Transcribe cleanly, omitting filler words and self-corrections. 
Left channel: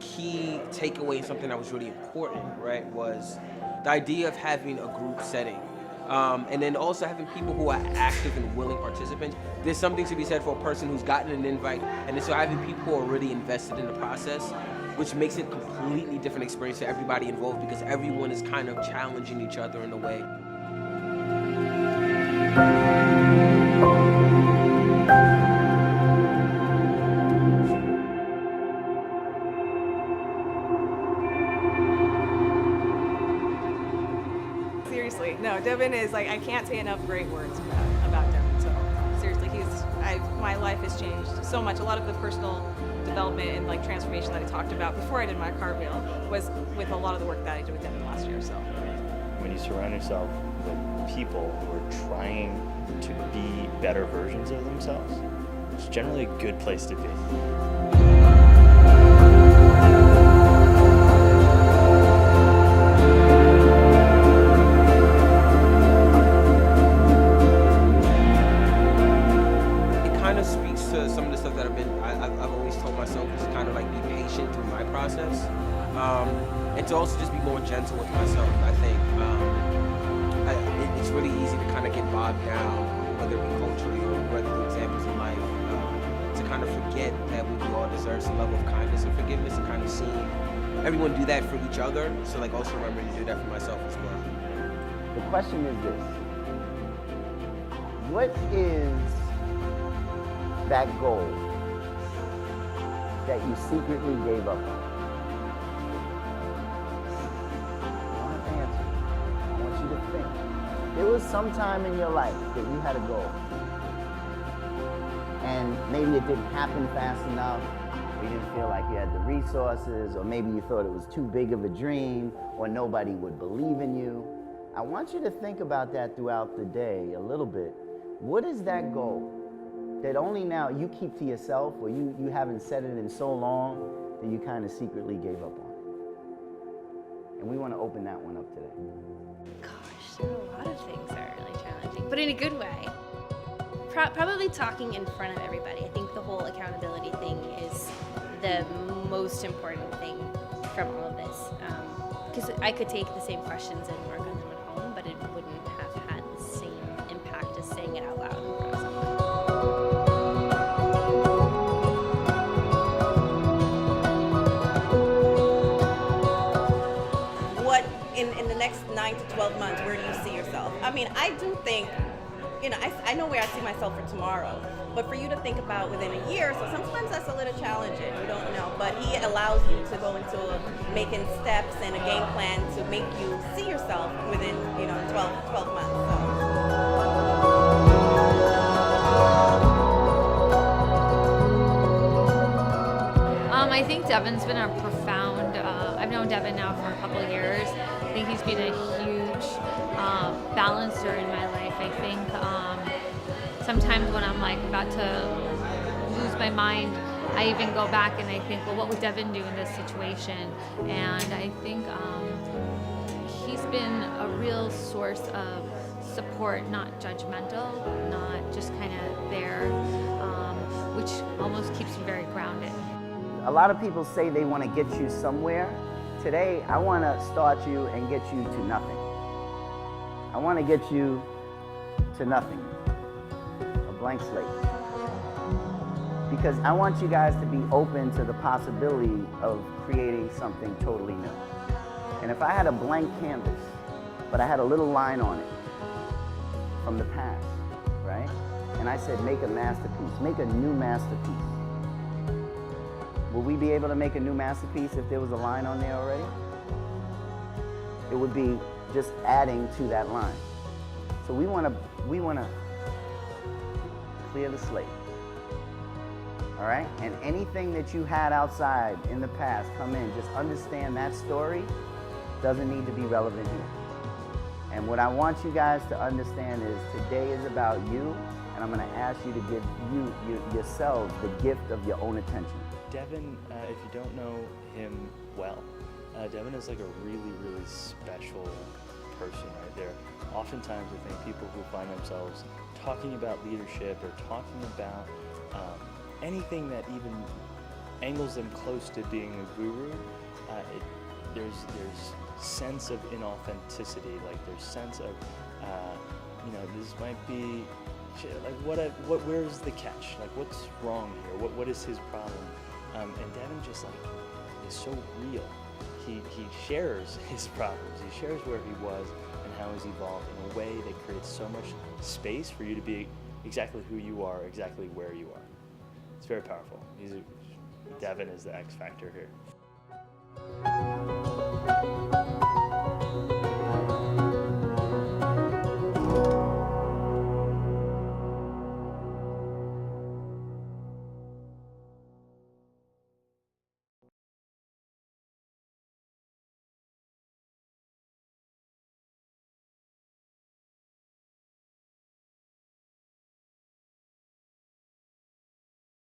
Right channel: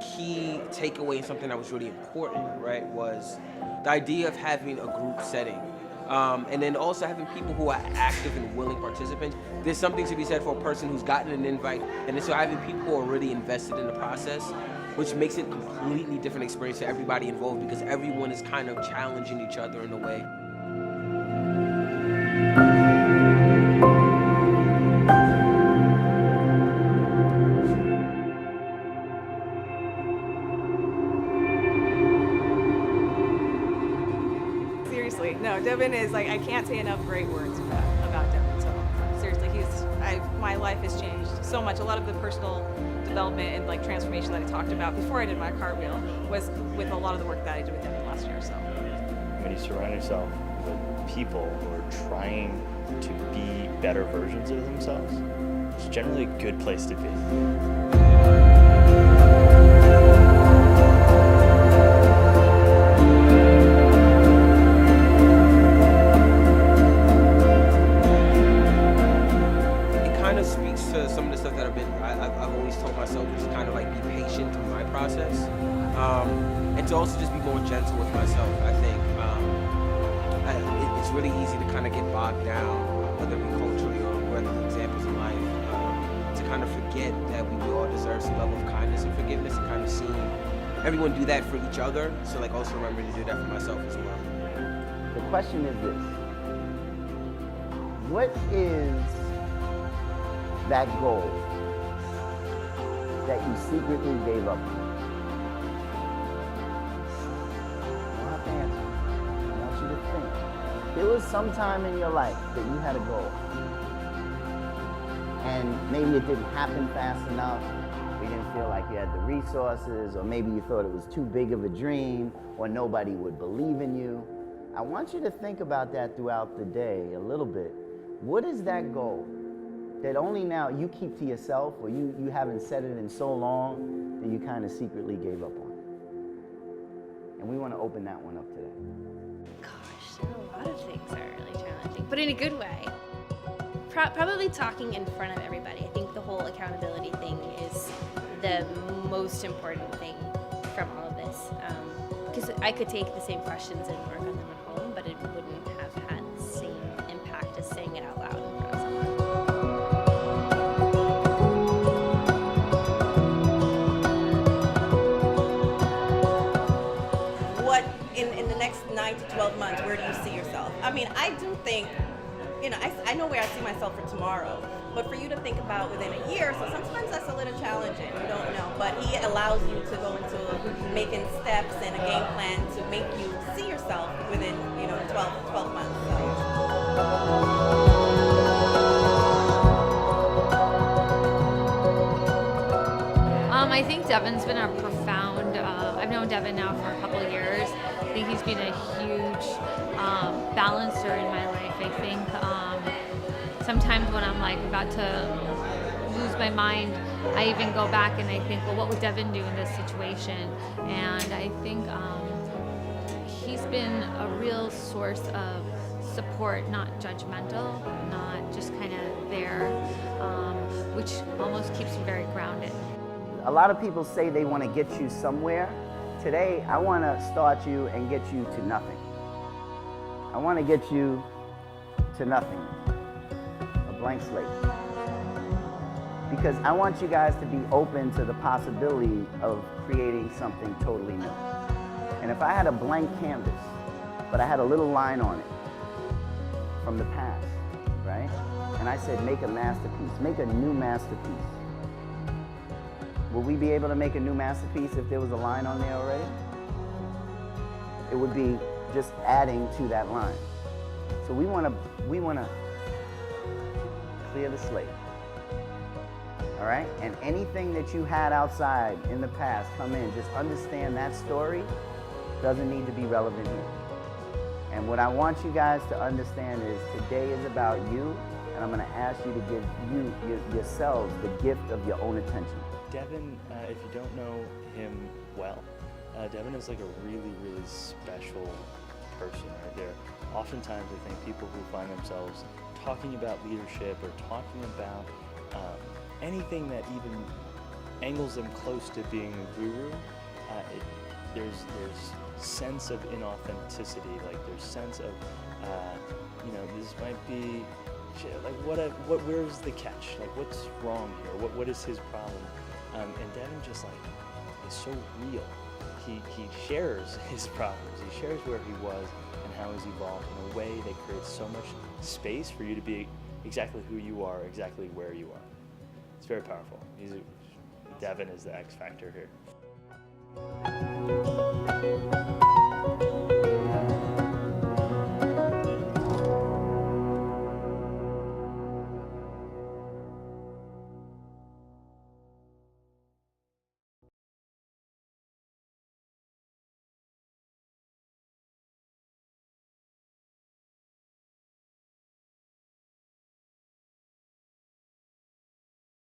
key takeaway and something that was really important, right, was the idea of having a group setting. And then also having people who are active and willing participants. There's something to be said for a person who's gotten an invite, and then so having people who are really invested in the process, which makes it a completely different experience to everybody involved because everyone is kind of challenging each other in a way. Seriously, no, Devon is like, I can't say enough great words about Devon. So seriously, my life has changed so much. A lot of the personal development and like transformation that I talked about before I did my cartwheel was with a lot of the work that I did with Devon last year. So when you surround yourself with people who are trying to be better versions of themselves, it's generally a good place to be. Kind of speaks to some of the stuff that I've always told myself, which is kind of like be patient through my process, and to also just be more gentle with myself. I think it's really easy to kind of get bogged down, whether it be culturally or whether through examples in life, to kind of forget that we all deserve some level of kindness and forgiveness, and kind of seeing everyone do that for each other. So like also remembering to do that for myself as well. The question is this: what is that goal that you secretly gave up on? You don't have to answer. I want you to think. There was some time in your life that you had a goal, and maybe it didn't happen fast enough, or you didn't feel like you had the resources, or maybe you thought it was too big of a dream, or nobody would believe in you. I want you to think about that throughout the day a little bit. What is that goal that only now you keep to yourself, or you haven't said it in so long that you kind of secretly gave up on it? And we want to open that one up today. Gosh, there are a lot of things that are really challenging, but in a good way. Probably talking in front of everybody. I think the whole accountability thing is the most important thing from all of this. Because I could take the same questions and work on them at home, but it wouldn't have had the same impact as saying it out loud in front of someone. In the next 9 to 12 months, where do you see yourself? I mean, I do think, I know where I see myself for tomorrow, but for you to think about within a year, so sometimes that's a little challenging, you don't know, but he allows you to go into making steps and a game plan to make you see yourself within, 12 months, so. I think Devon's been a profound, I've known Devon now for a couple of years. I think he's been a huge balancer in my life. I think sometimes when I'm like about to lose my mind, I even go back and I think, well, what would Devon do in this situation? And I think he's been a real source of support, not judgmental, not just kind of there, which almost keeps me very grounded. A lot of people say they want to get you somewhere. Today, I want to start you and get you to nothing. I want to get you to nothing, a blank slate. Because I want you guys to be open to the possibility of creating something totally new. And if I had a blank canvas, but I had a little line on it from the past, right? And I said, make a masterpiece, make a new masterpiece. Will we be able to make a new masterpiece if there was a line on there already? It would be just adding to that line. So we want to clear the slate. All right? And anything that you had outside in the past, come in. Just understand that story doesn't need to be relevant here. And what I want you guys to understand is today is about you, and I'm going to ask you to give yourselves the gift of your own attention. Devon, if you don't know him well, Devon is like a really, really special person right there. Oftentimes I think people who find themselves talking about leadership or talking about anything that even angles them close to being a guru. There's sense of inauthenticity, like there's sense of, this might be, like where's the catch? Like what's wrong here? What is his problem? And Devon just like is so real. He shares his problems. He shares where he was and how he's evolved in a way that creates so much space for you to be exactly who you are, exactly where you are. It's very powerful. Devon is the X factor here.